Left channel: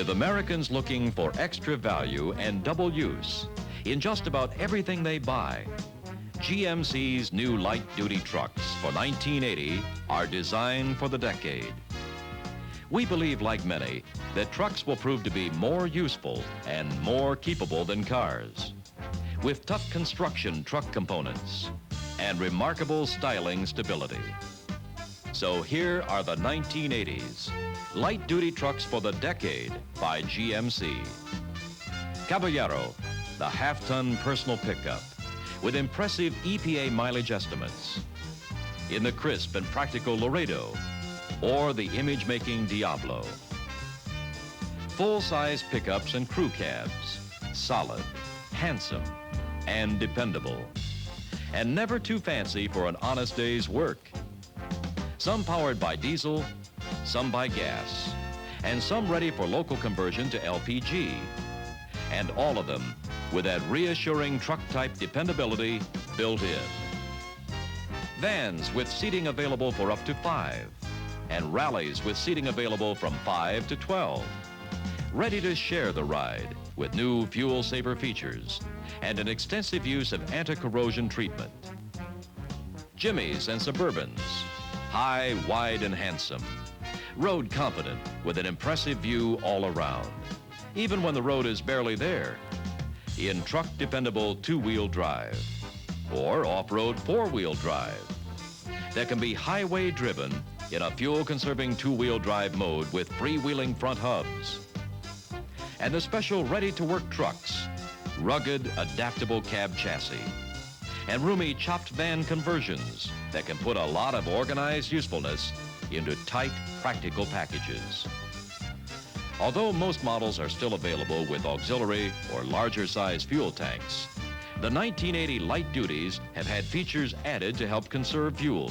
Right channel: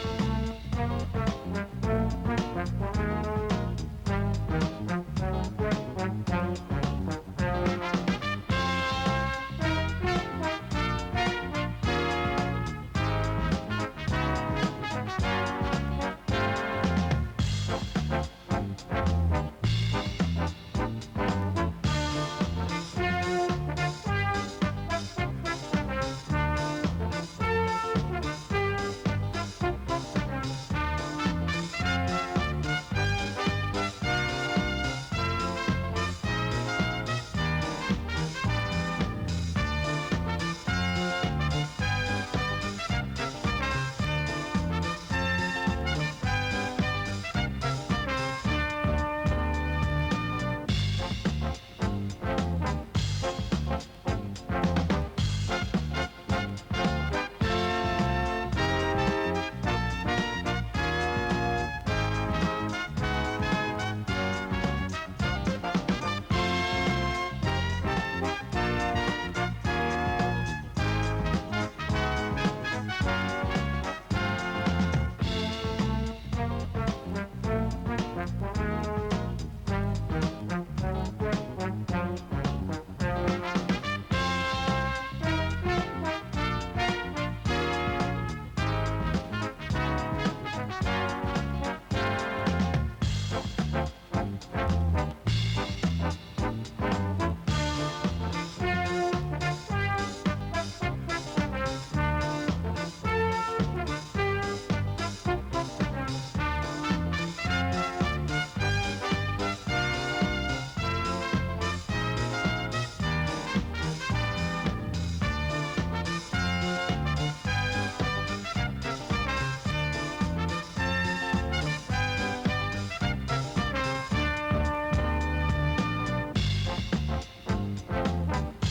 with Americans looking for extra value and double use in just about everything they buy. GMC's new light-duty trucks for 1980 are designed for the decade. We believe, like many, that trucks will prove to be more useful and more keepable than cars, with tough construction truck components and remarkable styling stability. So here are the 1980s light-duty trucks for the decade by GMC. Caballero, the half-ton personal pickup with impressive EPA mileage estimates. In the crisp and practical Laredo, or the image-making Diablo. Full-size pickups and crew cabs, solid, handsome, and dependable. And never too fancy for an honest day's work. Some powered by diesel, some by gas, and some ready for local conversion to LPG. And all of them with that reassuring truck-type dependability built in. Vans with seating available for up to 5, and rallies with seating available from 5 to 12. Ready to share the ride with new fuel-saver features and an extensive use of anti-corrosion treatment. Jimmys and Suburbans, high, wide, and handsome. Road confident with an impressive view all around, even when the road is barely there. In truck-dependable two-wheel drive or off-road four-wheel drive that can be highway driven in a fuel-conserving two-wheel drive mode with freewheeling front hubs. And the special ready-to-work trucks, rugged, adaptable cab chassis, and roomy chopped van conversions that can put a lot of organized usefulness into tight, practical packages. Although most models are still available with auxiliary or larger-size fuel tanks, the 1980 light duties have had features added to help conserve fuel,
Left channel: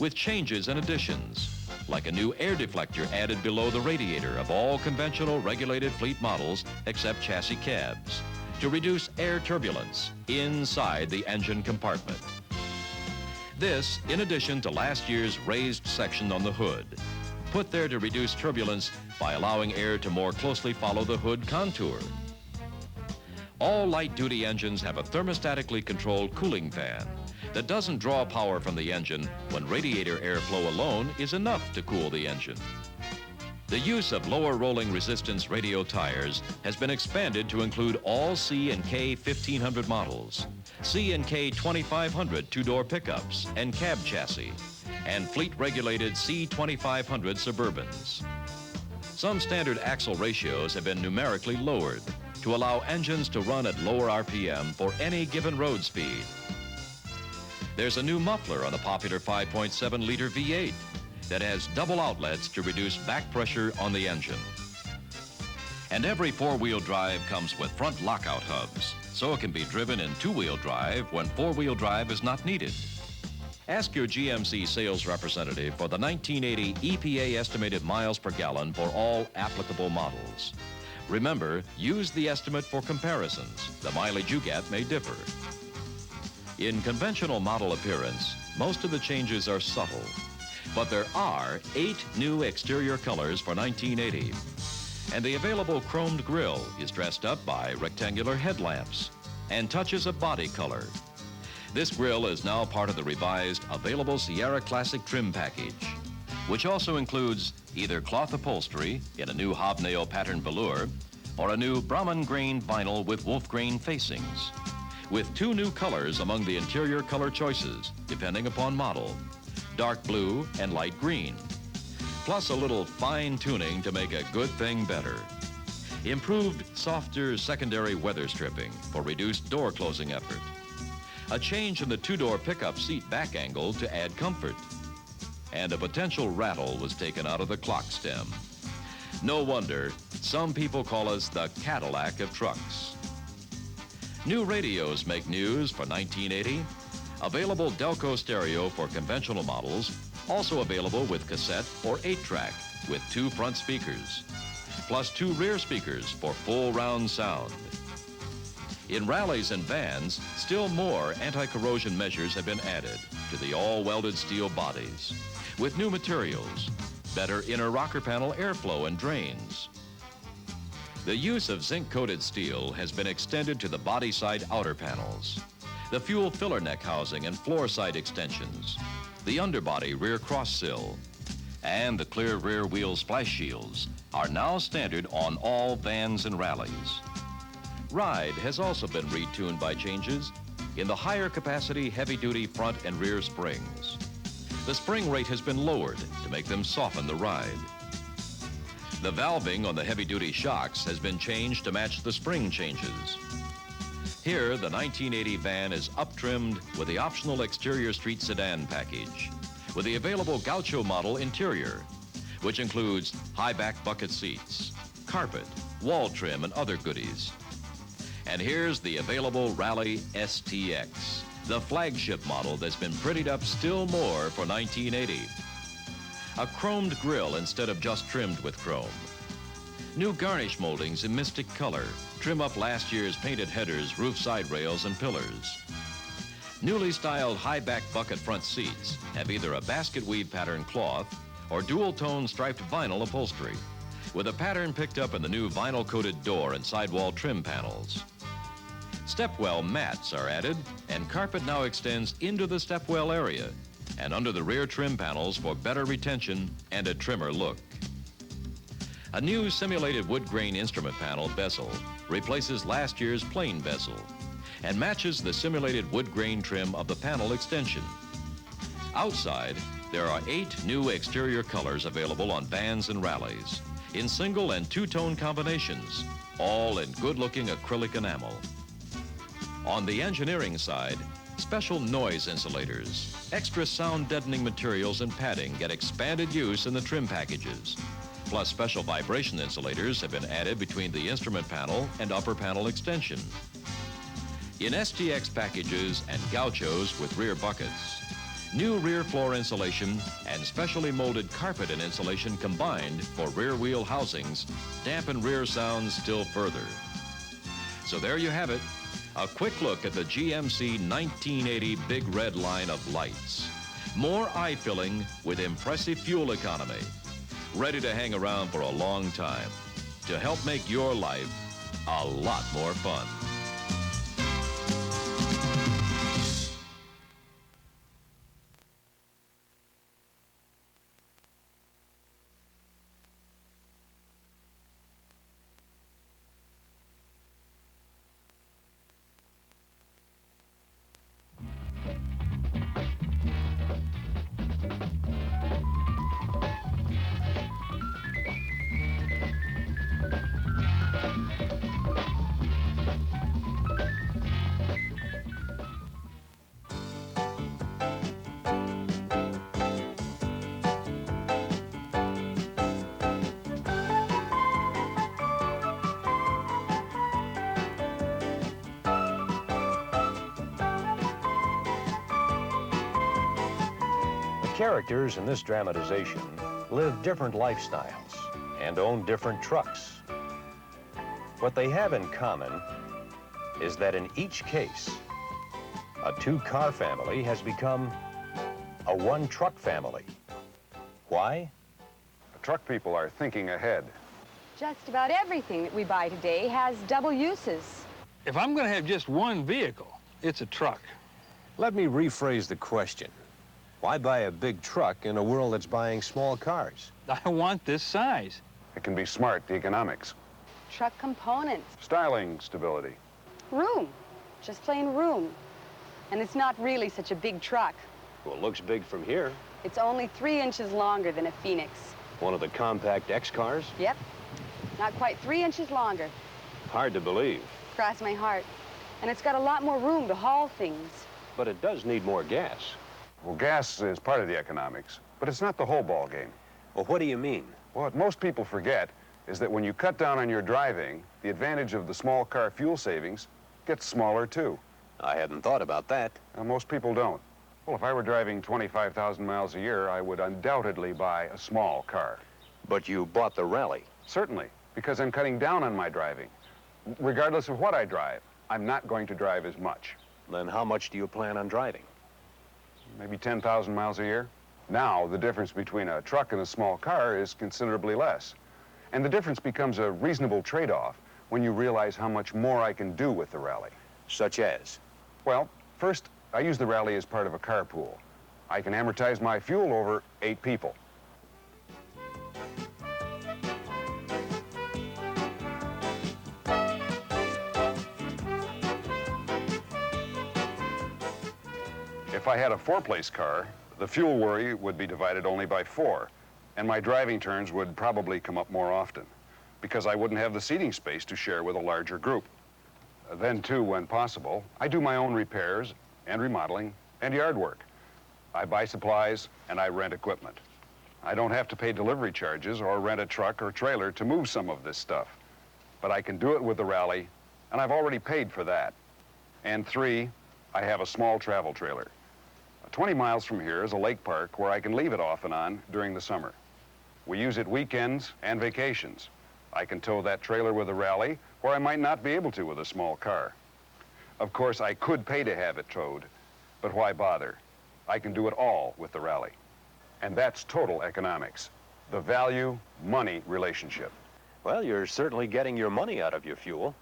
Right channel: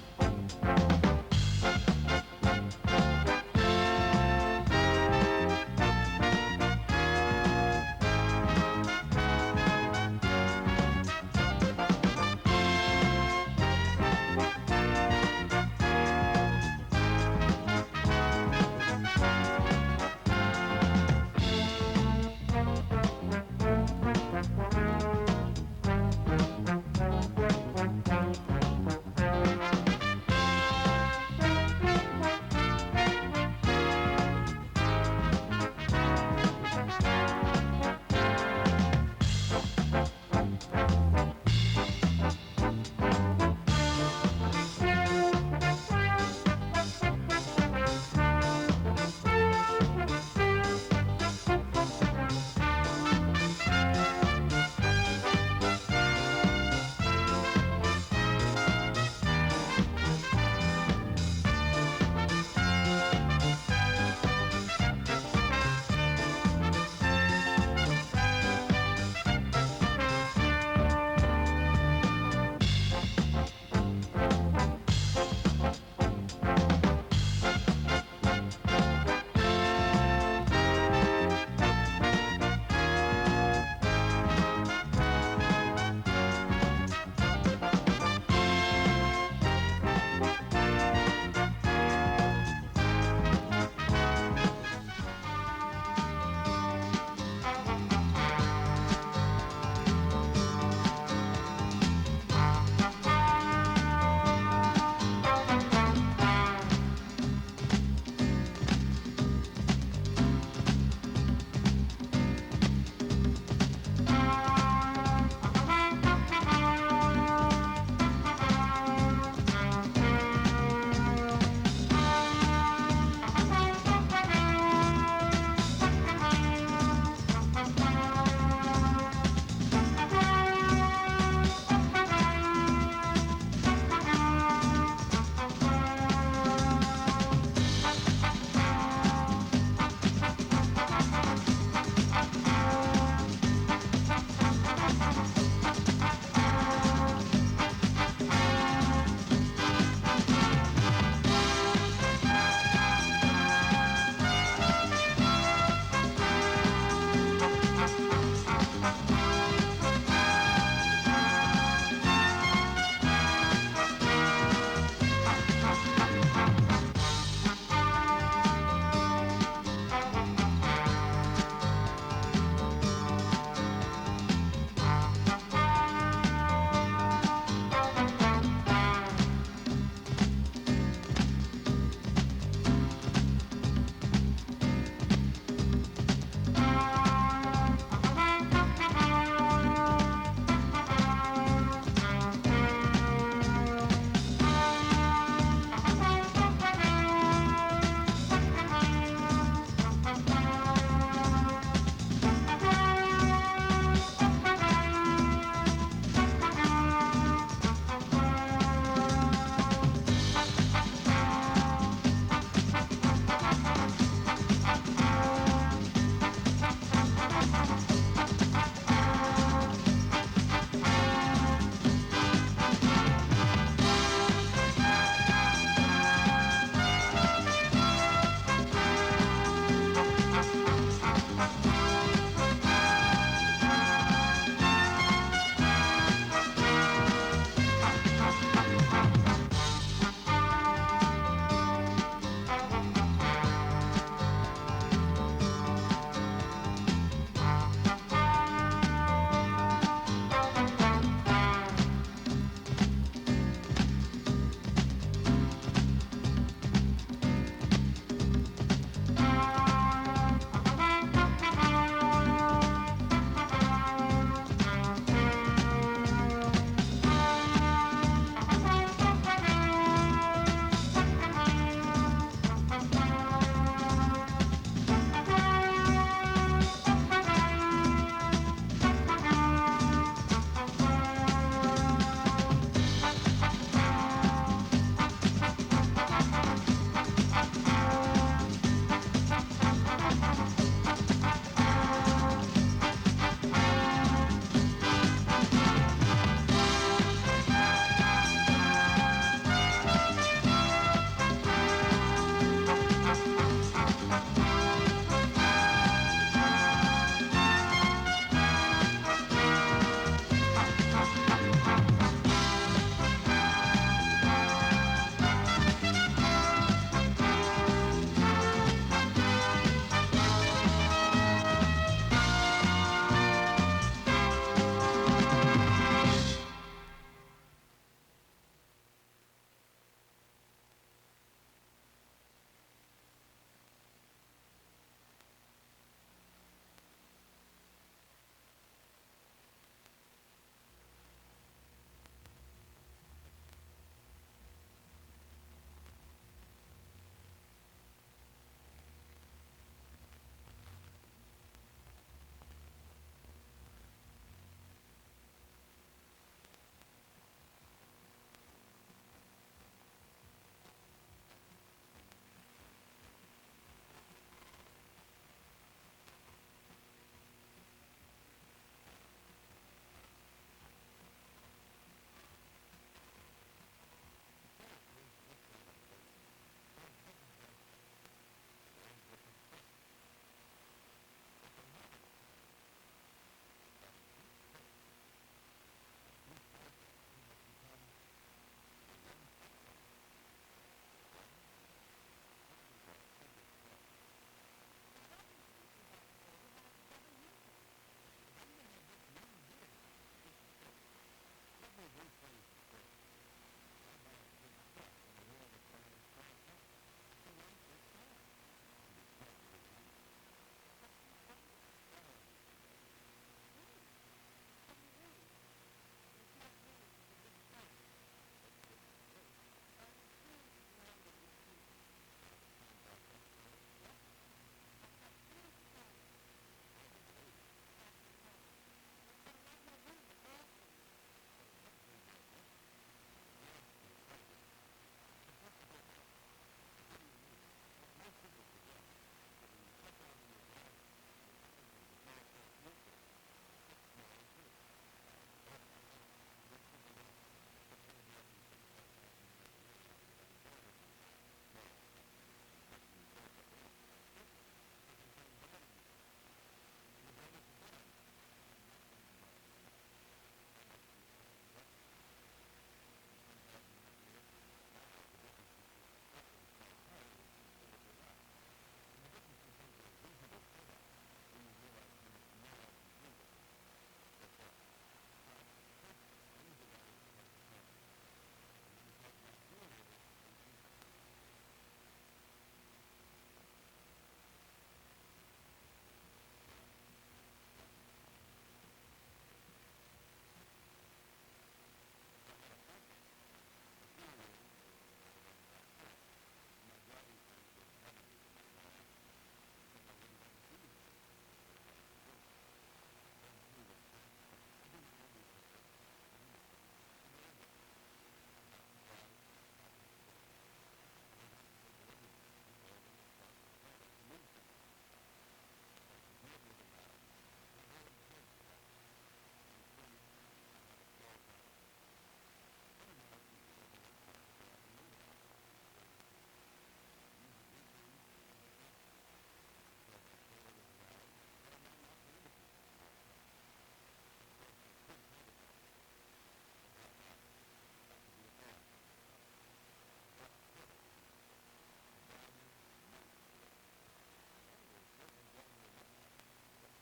with changes and additions, like a new air deflector added below the radiator of all conventional regulated fleet models except chassis cabs, to reduce air turbulence inside the engine compartment. This, in addition to last year's raised section on the hood, put there to reduce turbulence by allowing air to more closely follow the hood contour. All light-duty engines have a thermostatically controlled cooling fan that doesn't draw power from the engine when radiator airflow alone is enough to cool the engine. The use of lower rolling resistance radial tires has been expanded to include all C and K 1500 models, C and K 2500 two-door pickups and cab chassis, and fleet-regulated C 2500 Suburbans. Some standard axle ratios have been numerically lowered to allow engines to run at lower RPM for any given road speed. There's a new muffler on the popular 5.7-liter V8 that has double outlets to reduce back pressure on the engine. And every four-wheel drive comes with front lockout hubs, so it can be driven in two-wheel drive when four-wheel drive is not needed. Ask your GMC sales representative for the 1980 EPA estimated miles per gallon for all applicable models. Remember, use the estimate for comparisons. The mileage you get may differ. In conventional model appearance, most of the changes are subtle, but there are 8 new exterior colors for 1980. And the available chromed grille is dressed up by rectangular headlamps and touches of body color. This grille is now part of the revised available Sierra Classic trim package, which also includes either cloth upholstery in a new hobnail pattern velour or a new Brahman grain vinyl with wolf grain facings, with 2 new colors among the interior color choices, depending upon model, dark blue and light green, plus a little fine-tuning to make a good thing better. Improved, softer secondary weather stripping for reduced door closing effort. A change in the two-door pickup seat back angle to add comfort. And a potential rattle is taken out of the clock stem. No wonder some people call us the Cadillac of trucks. New radios make news for 1980. Available Delco stereo for conventional models, also available with cassette or 8-track with 2 front speakers, plus 2 rear speakers for full round sound. In rallies and vans, still more anti-corrosion measures have been added to the all-welded steel bodies, with new materials, better inner rocker panel airflow and drains. The use of zinc-coated steel has been extended to the body side outer panels, the fuel filler neck housing and floor side extensions, the underbody rear cross sill, and the clear rear wheel splash shields are now standard on all vans and rallies. Ride has also been retuned by changes in the higher capacity heavy-duty front and rear springs. The spring rate has been lowered to make them soften the ride. The valving on the heavy-duty shocks has been changed to match the spring changes. Here, the 1980 van is up-trimmed with the optional exterior street sedan package, with the available gaucho model interior, which includes high-back bucket seats, carpet, wall trim, and other goodies. And here's the available Rally STX, the flagship model that's been prettied up still more for 1980. A chromed grille instead of just trimmed with chrome. New garnish moldings in misted color trim up last year's painted headers, roof side rails, and pillars. Newly styled high-back bucket front seats have either a basket weave pattern cloth or dual-tone striped vinyl upholstery, with a pattern picked up in the new vinyl-coated door and sidewall trim panels. Stepwell mats are added, and carpet now extends into the stepwell area and under the rear trim panels for better retention and a trimmer look. A new simulated wood grain instrument panel bezel replaces last year's plain bezel and matches the simulated wood grain trim of the panel extension. Outside, there are 8 new exterior colors available on vans and rallies in single and two-tone combinations, all in good-looking acrylic enamel. On the engineering side, special noise insulators, extra sound deadening materials and padding get expanded use in the trim packages. Plus special vibration insulators have been added between the instrument panel and upper panel extension. In STX packages and gauchos with rear buckets, new rear floor insulation and specially molded carpet and insulation combined for rear wheel housings dampen rear sound still further. So there you have it. A quick look at the GMC 1980 Big Red line of lights. More eye-filling with impressive fuel economy. Ready to hang around for a long time to help make your life a lot more fun. Characters in this dramatization live different lifestyles and own different trucks. What they have in common is that in each case, a 2-car family has become a 1-truck family. Why? The truck people are thinking ahead. Just about everything that we buy today has double uses. If I'm going to have just one vehicle, it's a truck. Let me rephrase the question. Why buy a big truck in a world that's buying small cars? I want this size. It can be smart economics. Truck components. Styling stability. Room. Just plain room. And it's not really such a big truck. Well, it looks big from here. It's only 3 inches longer than a Phoenix. One of the compact X cars? Yep. Not quite 3 inches longer. Hard to believe. Cross my heart. And it's got a lot more room to haul things. But it does need more gas. Well, gas is part of the economics, but it's not the whole ball game. Well, what do you mean? Well, what most people forget is that when you cut down on your driving, the advantage of the small car fuel savings gets smaller too. I hadn't thought about that. Most people don't. Well, if I were driving 25,000 miles a year, I would undoubtedly buy a small car. But you bought the Rally. Certainly, because I'm cutting down on my driving. Regardless of what I drive, I'm not going to drive as much. Then how much do you plan on driving? Maybe 10,000 miles a year. Now, the difference between a truck and a small car is considerably less. And the difference becomes a reasonable trade-off when you realize how much more I can do with the rally. Such as? Well, first, I use the rally as part of a carpool. I can amortize my fuel over 8 people. If I had a 4-place car, the fuel worry would be divided only by 4, and my driving turns would probably come up more often, because I wouldn't have the seating space to share with a larger group. Then, too, when possible, I do my own repairs and remodeling and yard work. I buy supplies and I rent equipment. I don't have to pay delivery charges or rent a truck or trailer to move some of this stuff, but I can do it with the rally, and I've already paid for that. And 3, I have a small travel trailer. 20 miles from here is a lake park where I can leave it off and on during the summer. We use it weekends and vacations. I can tow that trailer with a rally where I might not be able to with a small car. Of course, I could pay to have it towed, but why bother? I can do it all with the rally. And that's total economics, the value-money relationship. Well, you're certainly getting your money out of your fuel.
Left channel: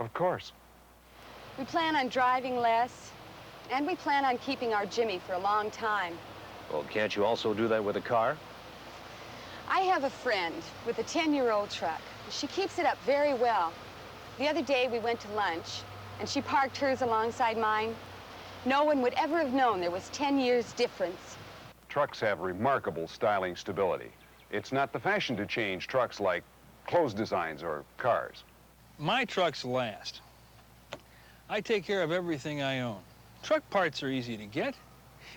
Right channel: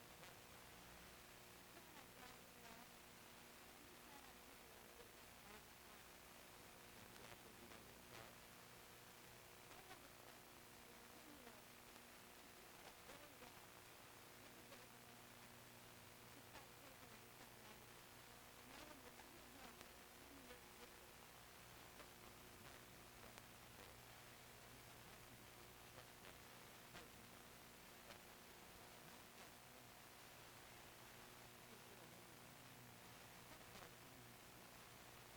Of course. We plan on driving less, and we plan on keeping our Jimmy for a long time. Well, can't you also do that with a car? I have a friend with a 10-year-old truck. She keeps it up very well. The other day we went to lunch, and she parked hers alongside mine. No one would ever have known there was 10 years difference. Trucks have remarkable styling stability. It's not the fashion to change trucks like clothes designs or cars. My trucks last. I take care of everything I own. Truck parts are easy to get,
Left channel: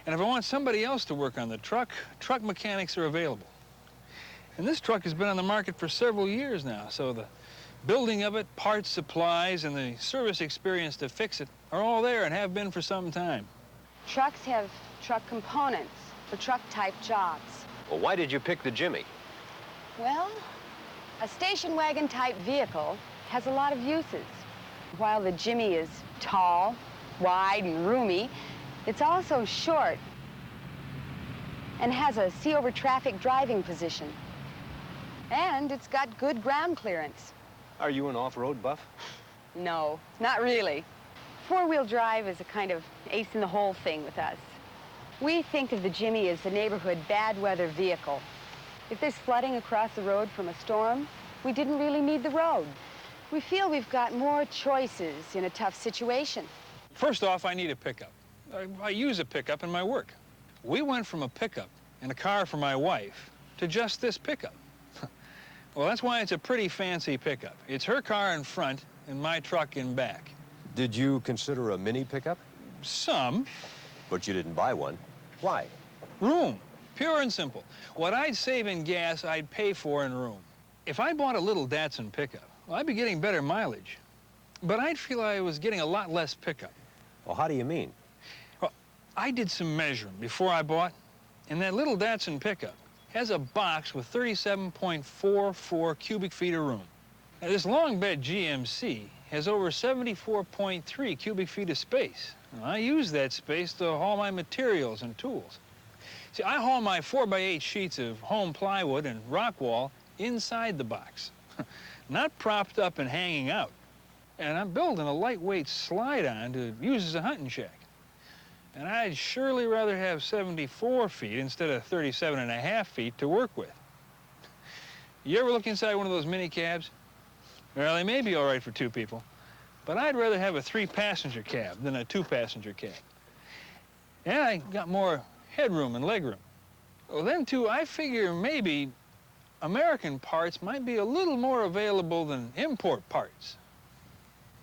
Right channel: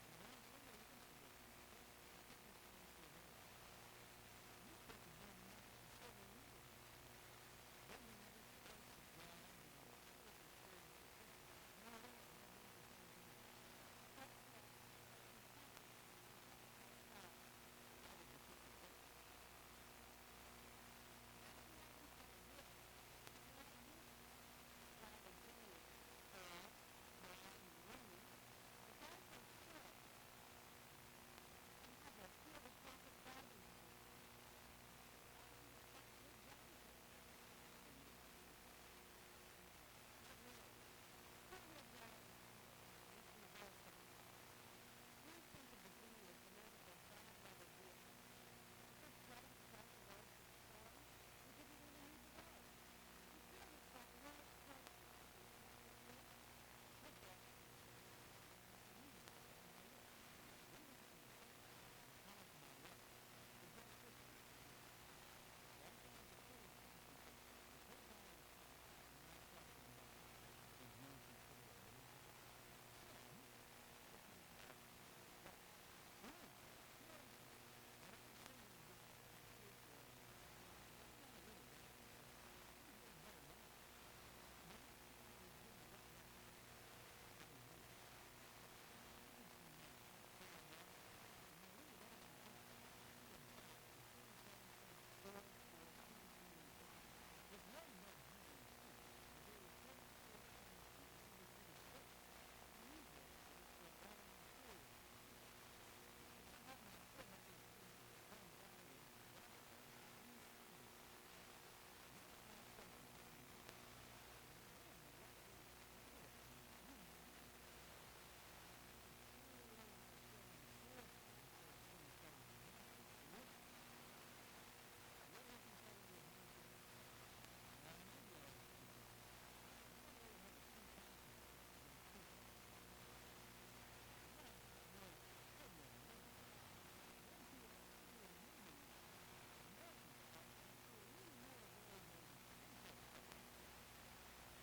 and if I want somebody else to work on the truck, truck mechanics are available. And this truck has been on the market for several years now, so the building of it, parts, supplies, and the service experience to fix it are all there and have been for some time. Trucks have truck components for truck-type jobs. Well, why did you pick the Jimmy? Well, a station wagon-type vehicle has a lot of uses. While the Jimmy is tall, wide, and roomy, it's also short and has a see-over-traffic driving position. And it's got good ground clearance. Are you an off-road buff? No, not really. Four-wheel drive is a kind of ace-in-the-hole thing with us. We think of the Jimmy as the neighborhood bad-weather vehicle. If there's flooding across the road from a storm, we didn't really need the road. We feel we've got more choices in a tough situation. First off, I need a pickup. I use a pickup in my work. We went from a pickup and a car for my wife to just this pickup. Well, that's why it's a pretty fancy pickup. It's her car in front and my truck in back. Did you consider a mini pickup? Some. But you didn't buy one. Why? Room. Pure and simple. What I'd save in gas, I'd pay for in room. If I bought a little Datsun pickup, well, I'd be getting better mileage. But I'd feel I was getting a lot less pickup. Well, how do you mean? Well, I did some measuring before I bought, and that little Datsun pickup has a box with 37.44 cubic feet of room. Now, this long bed GMC has over 74.3 cubic feet of space. Now, I use that space to haul my materials and tools. See, I haul my 4x8 sheets of home plywood and rock wall inside the box, not propped up and hanging out. And I'm building a lightweight slide-on to use as a hunting shack. And I'd surely rather have 74 feet instead of 37.5 feet to work with. You ever look inside one of those mini cabs? Well, they may be all right for 2 people, but I'd rather have a 3-passenger cab than a 2-passenger cab. And I got more headroom and legroom. Well, then, too, I figure maybe American parts might be a little more available than import parts.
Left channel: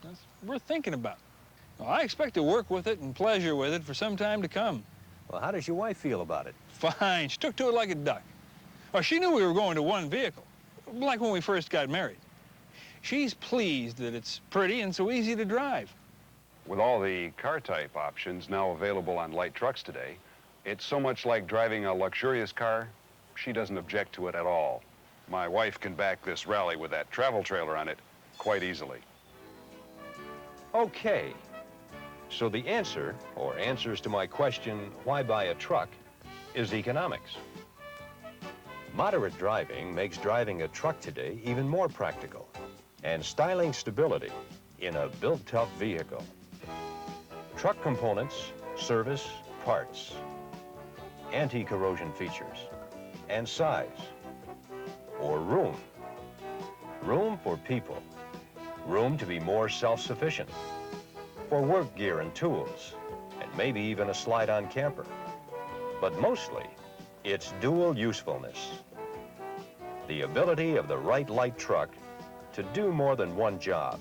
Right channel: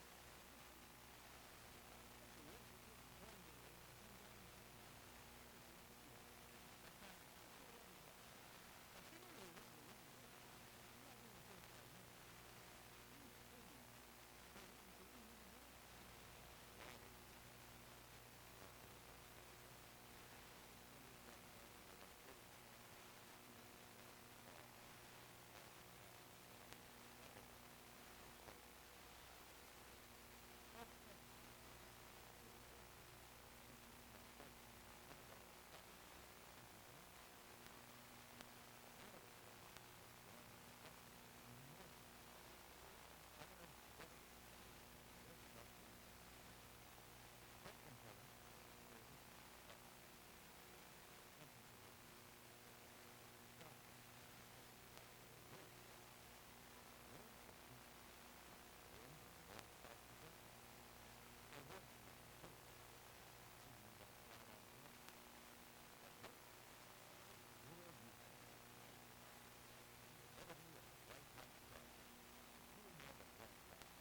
That's worth thinking about. Well, I expect to work with it and pleasure with it for some time to come. Well, how does your wife feel about it? Fine. She took to it like a duck. Well, she knew we were going to one vehicle, like when we first got married. She's pleased that it's pretty and so easy to drive. With all the car-type options now available on light trucks today, it's so much like driving a luxurious car, she doesn't object to it at all. My wife can back this rally with that travel trailer on it quite easily. Okay. So the answer, or answers to my question, why buy a truck, is economics. Moderate driving makes driving a truck today even more practical, and styling stability in a built-tough vehicle. Truck components, service, parts, anti-corrosion features, and size, or room. Room for people, room to be more self-sufficient, for work gear and tools, and maybe even a slide-on camper. But mostly, it's dual usefulness. The ability of the right light truck to do more than one job,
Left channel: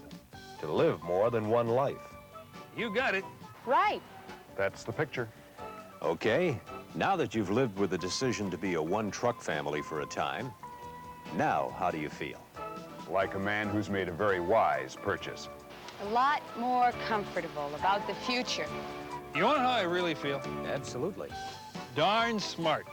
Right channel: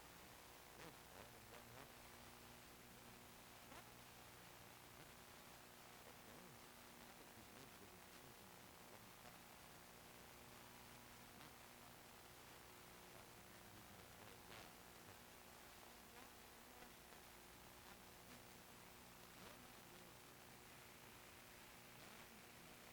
to live more than one life. You got it. Right. That's the picture. Okay, now that you've lived with the decision to be a one-truck family for a time, now how do you feel? Like a man who's made a very wise purchase. A lot more comfortable about the future. You want to know how I really feel? Absolutely. Darn smart.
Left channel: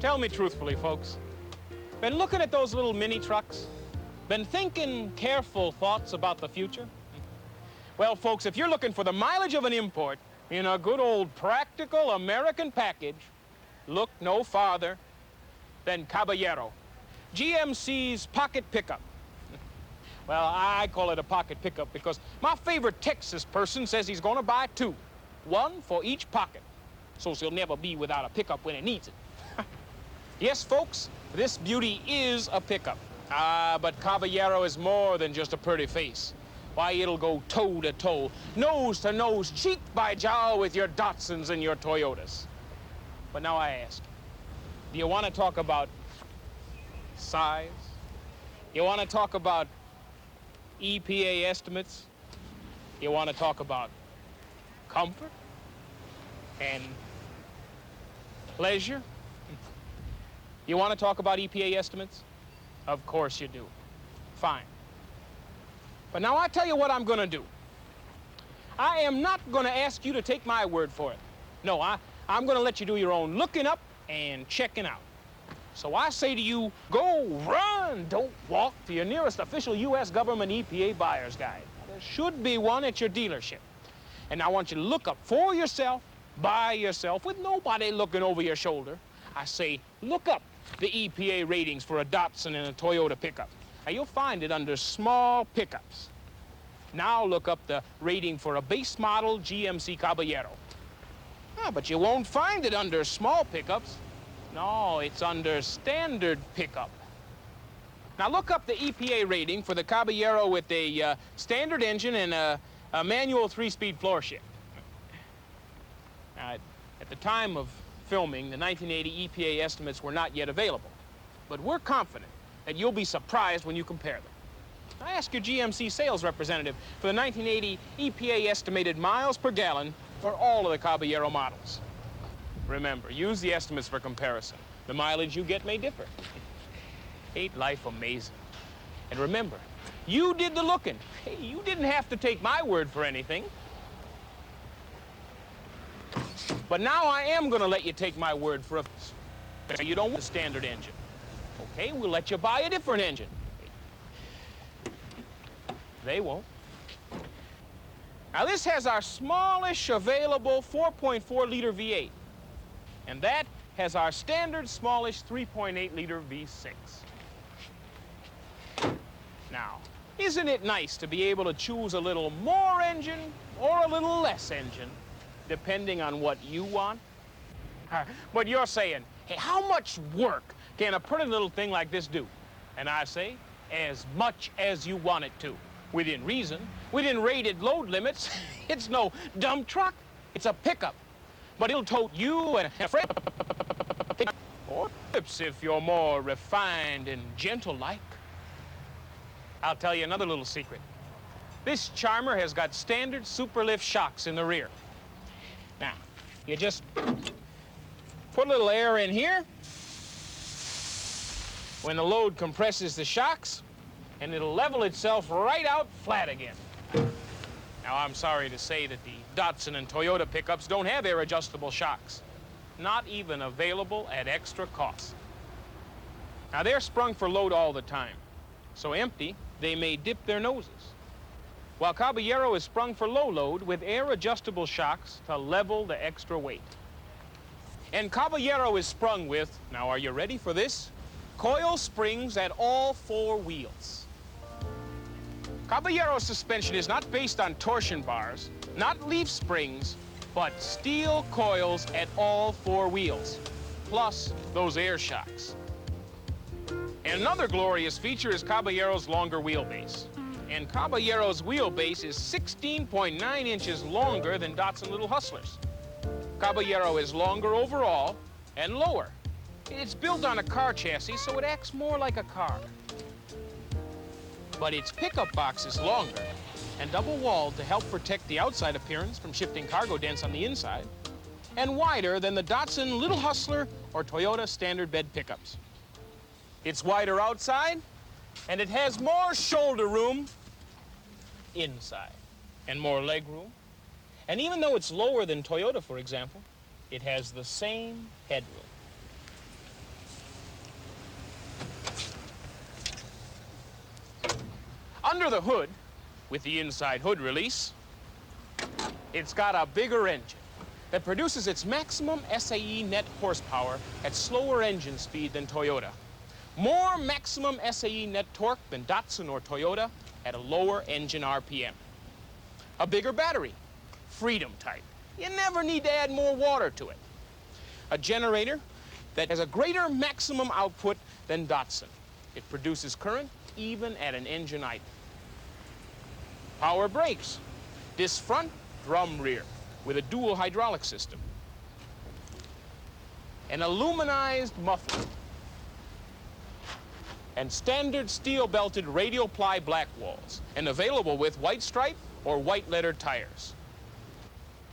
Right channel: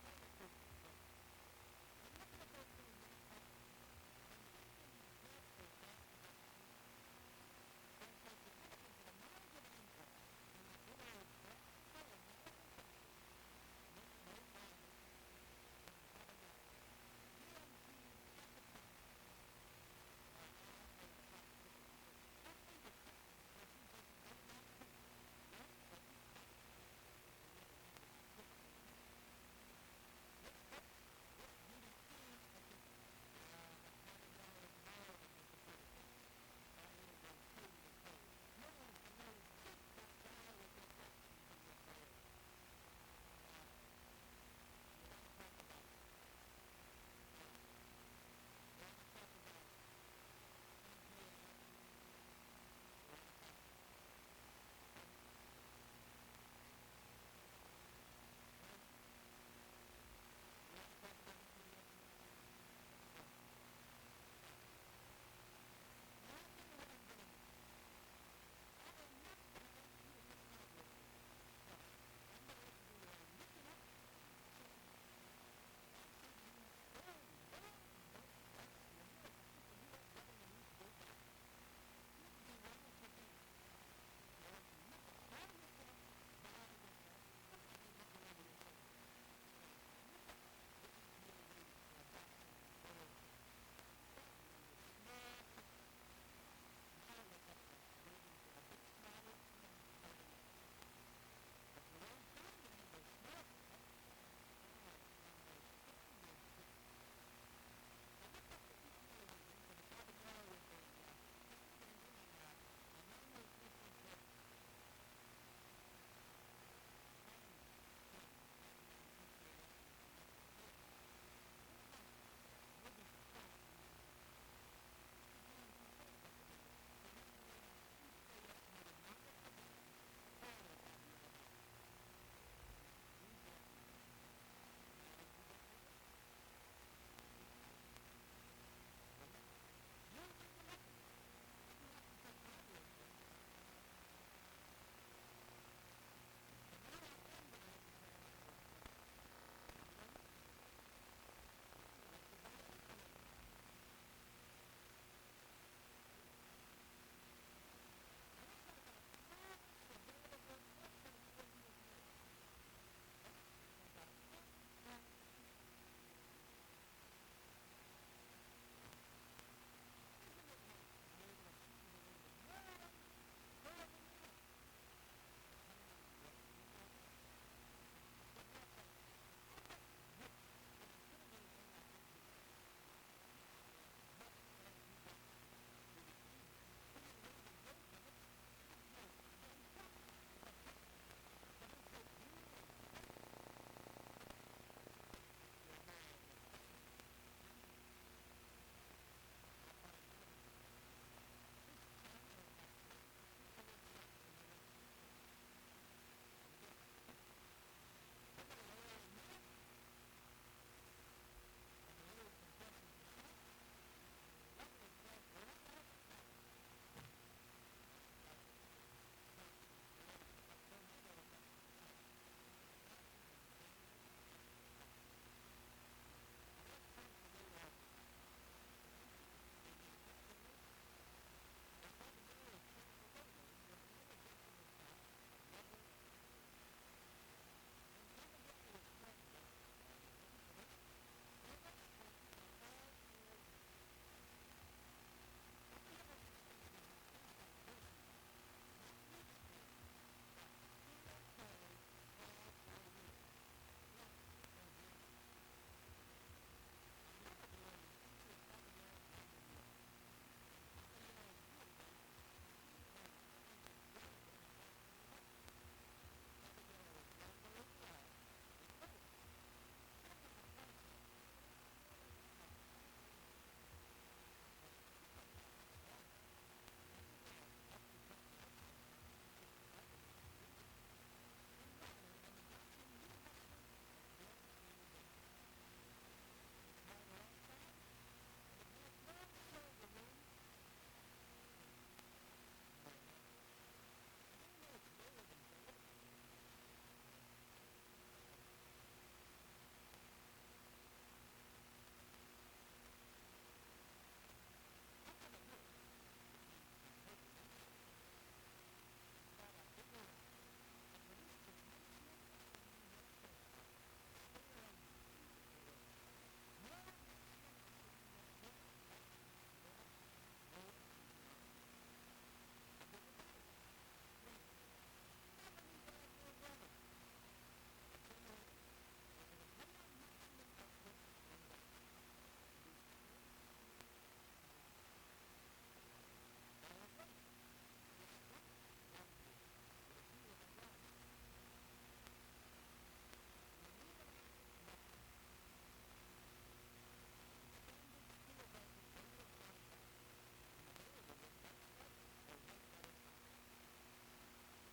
Tell me truthfully, folks. Been looking at those little mini trucks? Been thinking careful thoughts about the future? Well, folks, if you're looking for the mileage of an import in a good old practical American package, look no farther than Caballero, GMC's pocket pickup. Well, I call it a pocket pickup because my favorite Texas person says he's gonna buy two, one for each pocket, so he'll never be without a pickup when he needs it. Yes, folks, this beauty is a pickup. But Caballero is more than just a pretty face. Why, it'll go toe-to-toe, nose-to-nose, cheek by jowl with your Datsuns and your Toyotas. But now I ask, do you want to talk about size? You want to talk about EPA estimates? You want to talk about comfort and pleasure? You want to talk about EPA estimates? Of course you do. Fine. But now I tell you what I'm going to do. I am not going to ask you to take my word for it. No, I'm going to let you do your own looking up and checking out. So I say to you, go run, don't walk, to your nearest official U.S. government EPA buyer's guide. There should be one at your dealership. And I want you to look up for yourself, by yourself, with nobody looking over your shoulder. I say, look up the EPA ratings for a Datsun and a Toyota pickup. Now, you'll find it under small pickups. Now look up the rating for a base model GMC Caballero. But you won't find it under small pickups. No, it's under standard pickup. Now look up the EPA rating for the Caballero with a standard engine and a manual 3-speed floor shift. At the time of filming, the 1980 EPA estimates were not yet available, but we're confident that you'll be surprised when you compare them. I asked your GMC sales representative for the 1980 EPA estimated miles per gallon for all of the Caballero models. Remember, use the estimates for comparison. The mileage you get may differ. Ain't life amazing? And remember, you did the looking. Hey, you didn't have to take my word for anything. But now I am going to let you take my word for a... You don't want a standard engine. Okay, we'll let you buy a different engine. They won't. Now this has our smallish available 4.4-liter V8. And that has our standard smallish 3.8-liter V6. Now, isn't it nice to be able to choose a little more engine or a little less engine, depending on what you want? But you're saying, hey, how much work can a pretty little thing like this do? And I say, as much as you want it to. Within reason, within rated load limits. It's no dump truck, it's a pickup. but it'll tote you and a friend. Or if you're more refined and gentle-like. I'll tell you another little secret. This charmer has got standard superlift shocks in the rear. Now, you just put a little air in here when the load compresses the shocks, and it'll level itself right out flat again. Now, I'm sorry to say that the Datsun and Toyota pickups don't have air-adjustable shocks, not even available at extra cost. Now, they're sprung for load all the time, so empty, they may dip their noses, while Caballero is sprung for low load with air-adjustable shocks to level the extra weight. And Caballero is sprung with, now are you ready for this? Coil springs at all 4 wheels. Caballero suspension is not based on torsion bars, not leaf springs, but steel coils at all 4 wheels, plus those air shocks. And another glorious feature is Caballero's longer wheelbase. And Caballero's wheelbase is 16.9 inches longer than Datsun Little Hustlers. Caballero is longer overall and lower. It's built on a car chassis, so it acts more like a car. But its pickup box is longer and double-walled to help protect the outside appearance from shifting cargo dents on the inside, and wider than the Datsun Little Hustler or Toyota standard bed pickups. It's wider outside, and it has more shoulder room inside, and more leg room. And even though it's lower than Toyota, for example, it has the same headroom. Under the hood, with the inside hood release, it's got a bigger engine that produces its maximum SAE net horsepower at slower engine speed than Toyota. More maximum SAE net torque than Datsun or Toyota at a lower engine RPM. A bigger battery, Freedom type. You never need to add more water to it. A generator that has a greater maximum output than Datsun. It produces current even at an engine idle. Power brakes, disc front, drum rear, with a dual hydraulic system. An aluminized muffler. And standard steel-belted radial ply black walls, and available with white stripe or white lettered tires.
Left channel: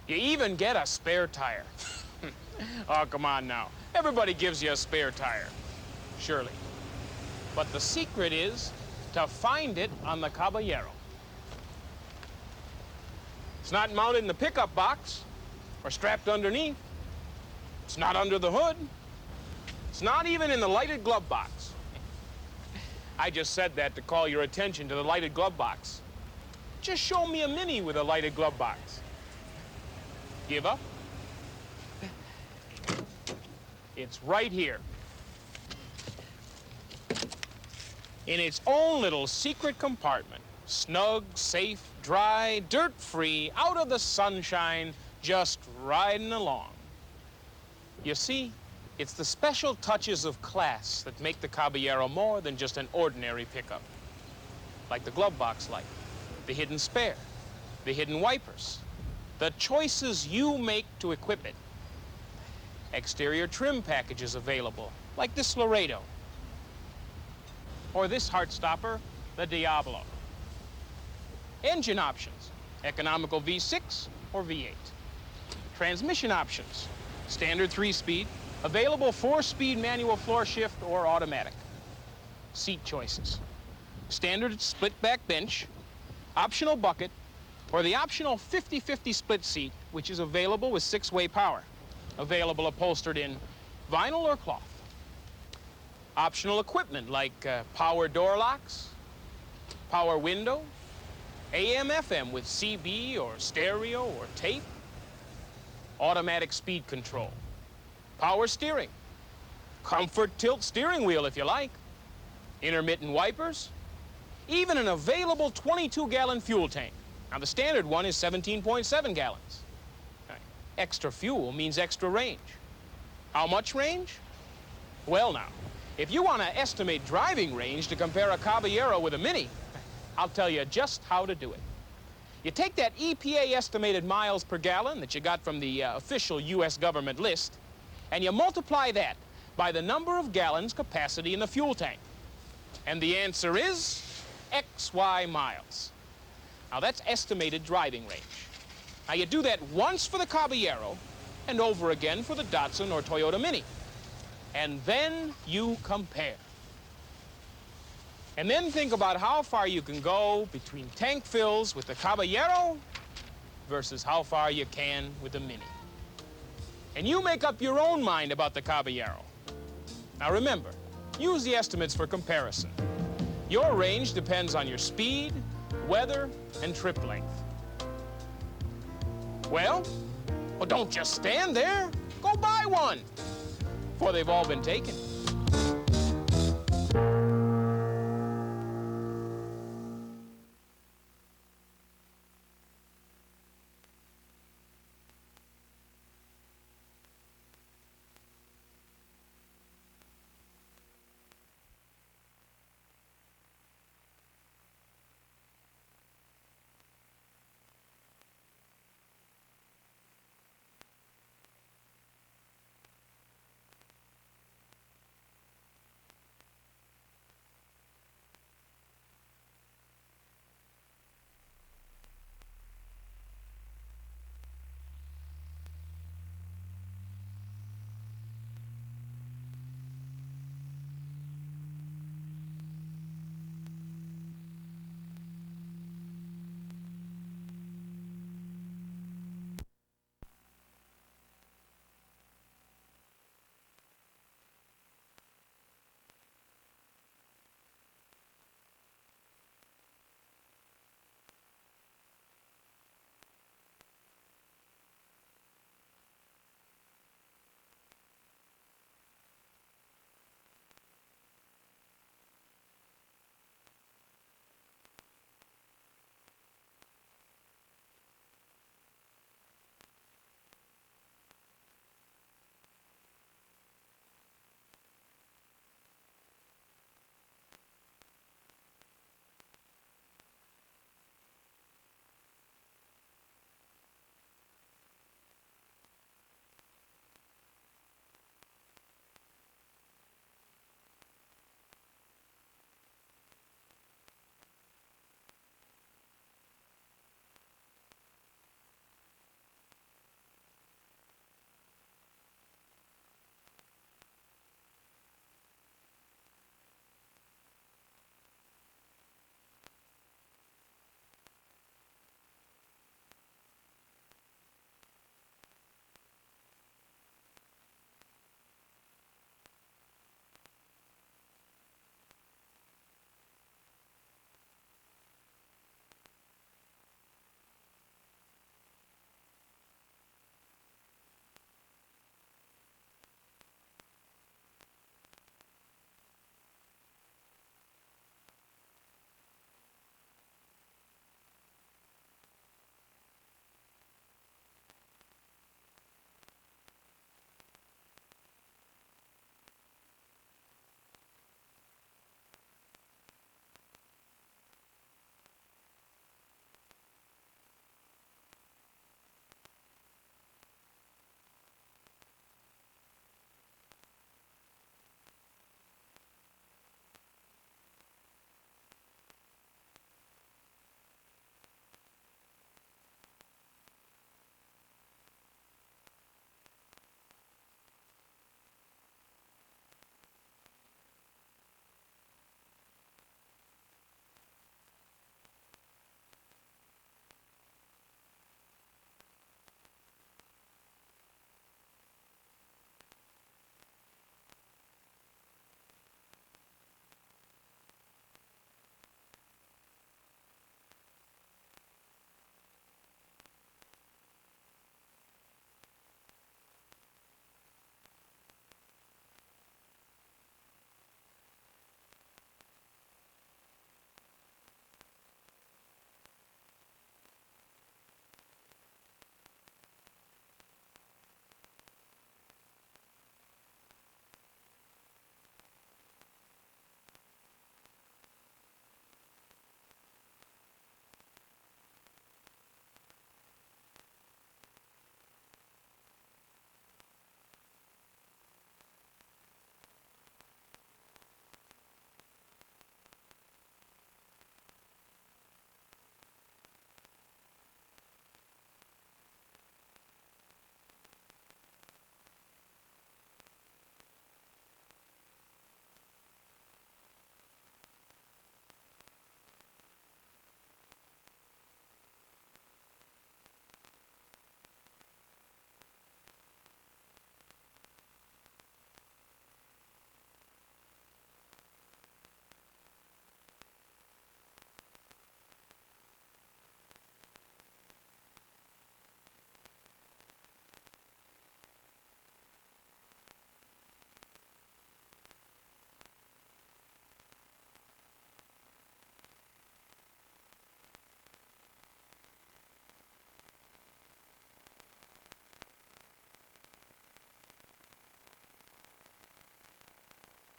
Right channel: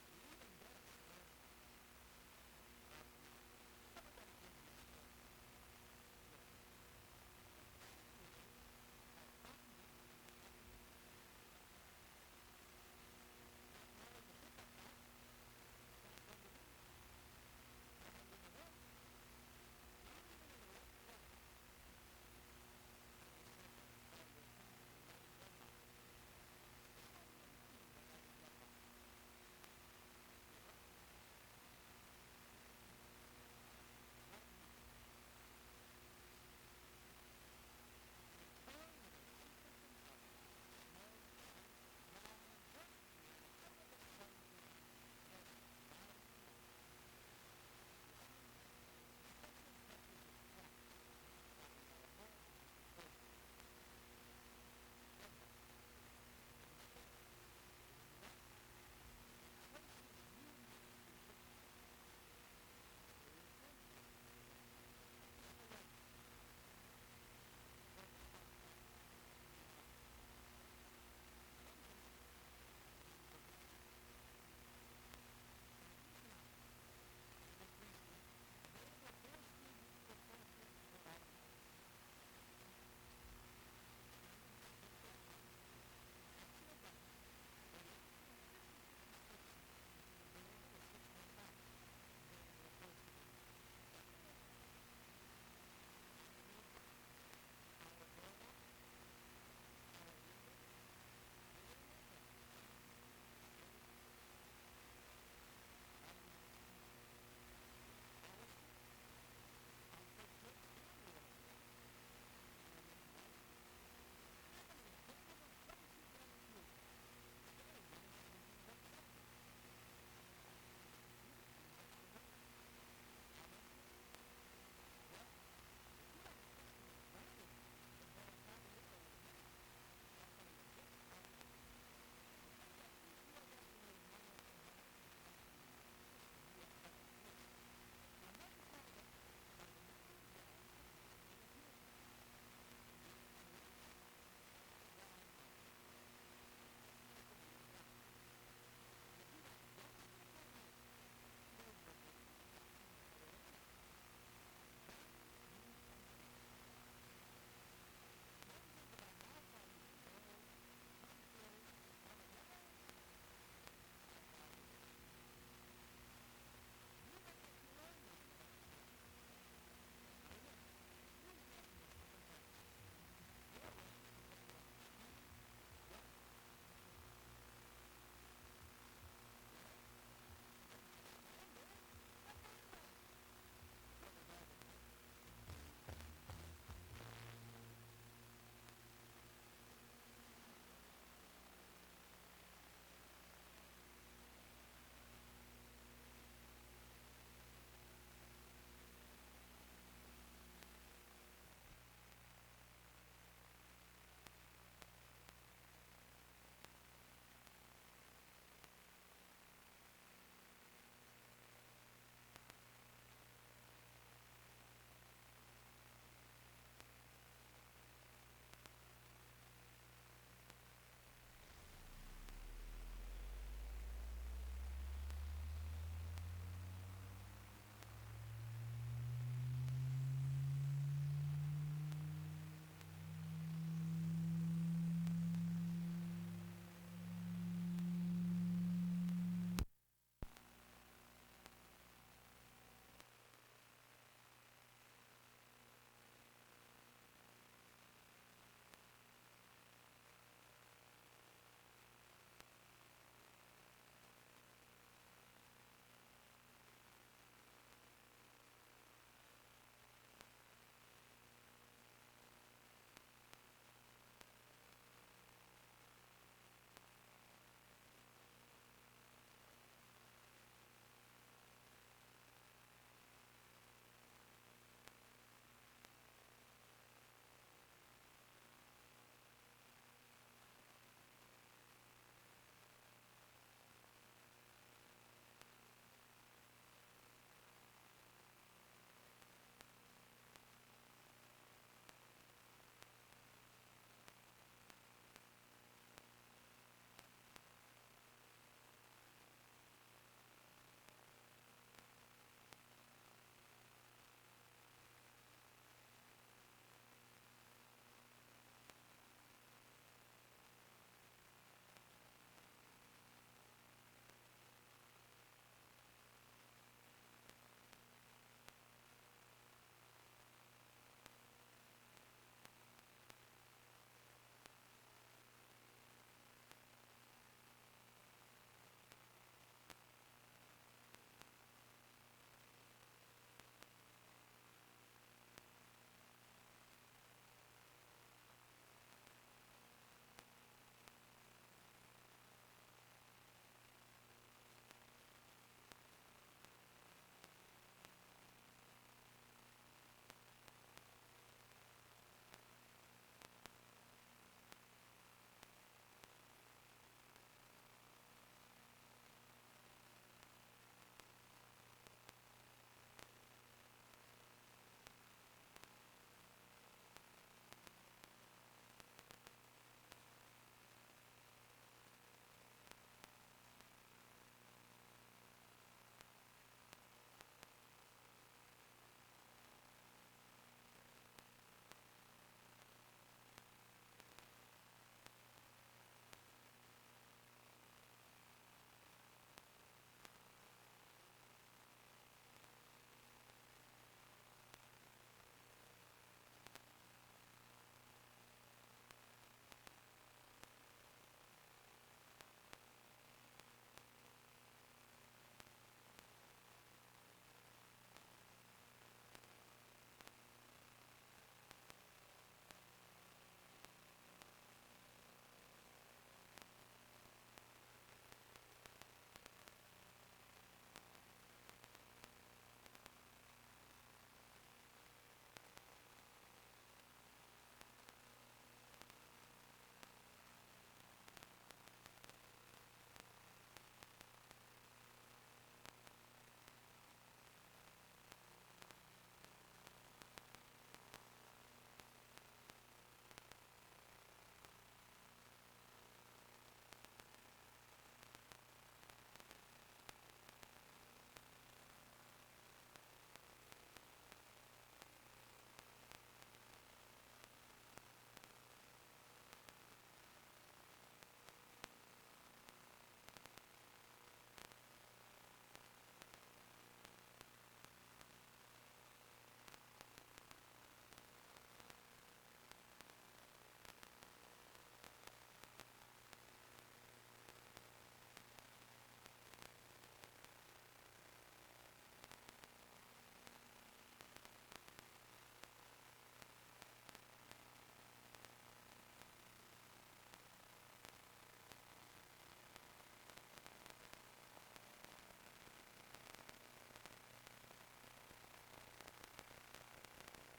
You even get a spare tire. Oh, come on now. Everybody gives you a spare tire, surely. But the secret is to find it on the Caballero. It's not mounted in the pickup box or strapped underneath. It's not under the hood. It's not even in the lighted glove box. I just said that to call your attention to the lighted glove box. Just show me a Mini with a lighted glove box. Give up? It's right here. In its own little secret compartment. Snug, safe, dry, dirt-free, out of the sunshine, just riding along. You see, it's the special touches of class that make the Caballero more than just an ordinary pickup. Like the glove box light, the hidden spare, the hidden wipers, the choices you make to equip it. Exterior trim packages available, like this Laredo. Or this heartstopper, the Diablo. Engine options, economical V6 or V8. Transmission options, standard 3-speed, available 4-speed manual floor shift or automatic. Seat choices, standard split back bench, optional bucket, or the optional 50-50 split seat, which is available with 6-way power, available upholstered in vinyl or cloth. Optional equipment like power door locks, power window, AM/FM with CB or stereo or tape, automatic speed control, power steering, comfort tilt steering wheel if you like, intermittent wipers, even an available 22-gallon fuel tank. Now, the standard one is 17.7 gallons. Extra fuel means extra range. How much range? Well, now, if you want to estimate driving range to compare a Caballero with a Mini, I'll tell you just how to do it. You take that EPA estimated miles per gallon that you got from the official U.S. government list, and you multiply that by the number of gallons capacity in the fuel tank. And the answer is XY miles. Now, that's estimated driving range. Now, you do that once for the Caballero and over again for the Datsun or Toyota Mini. And then you compare. And then think about how far you can go between tank fills with the Caballero versus how far you can with the Mini. And you make up your own mind about the Caballero. Now remember, use the estimates for comparison. Your range depends on your speed, weather, and trip length. Well, don't just stand there. Go buy one, for they've all been taken.